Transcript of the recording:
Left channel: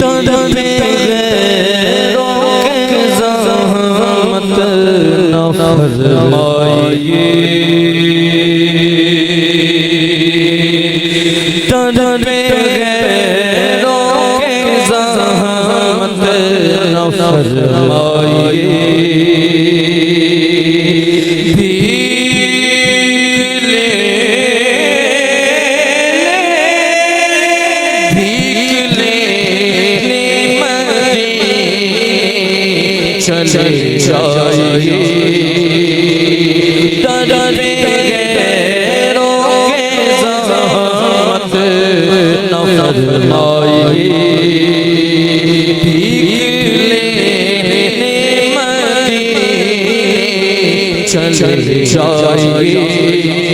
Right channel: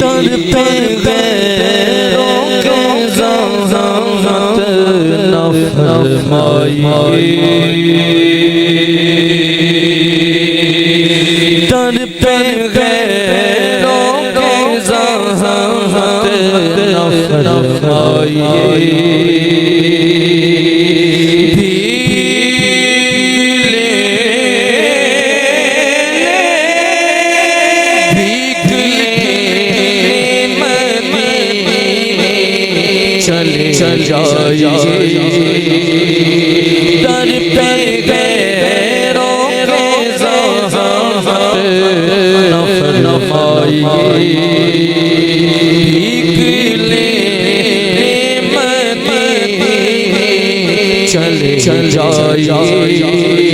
تڑپے غیروں کے زحمت نہ فرمائیے، تڑپے غیروں کے زحمت نہ فرمائیے، چلے جائیے، در پہ غیروں کے زحمت نہ فرمائیے، بھیک لینے مدینے چلے جائیے۔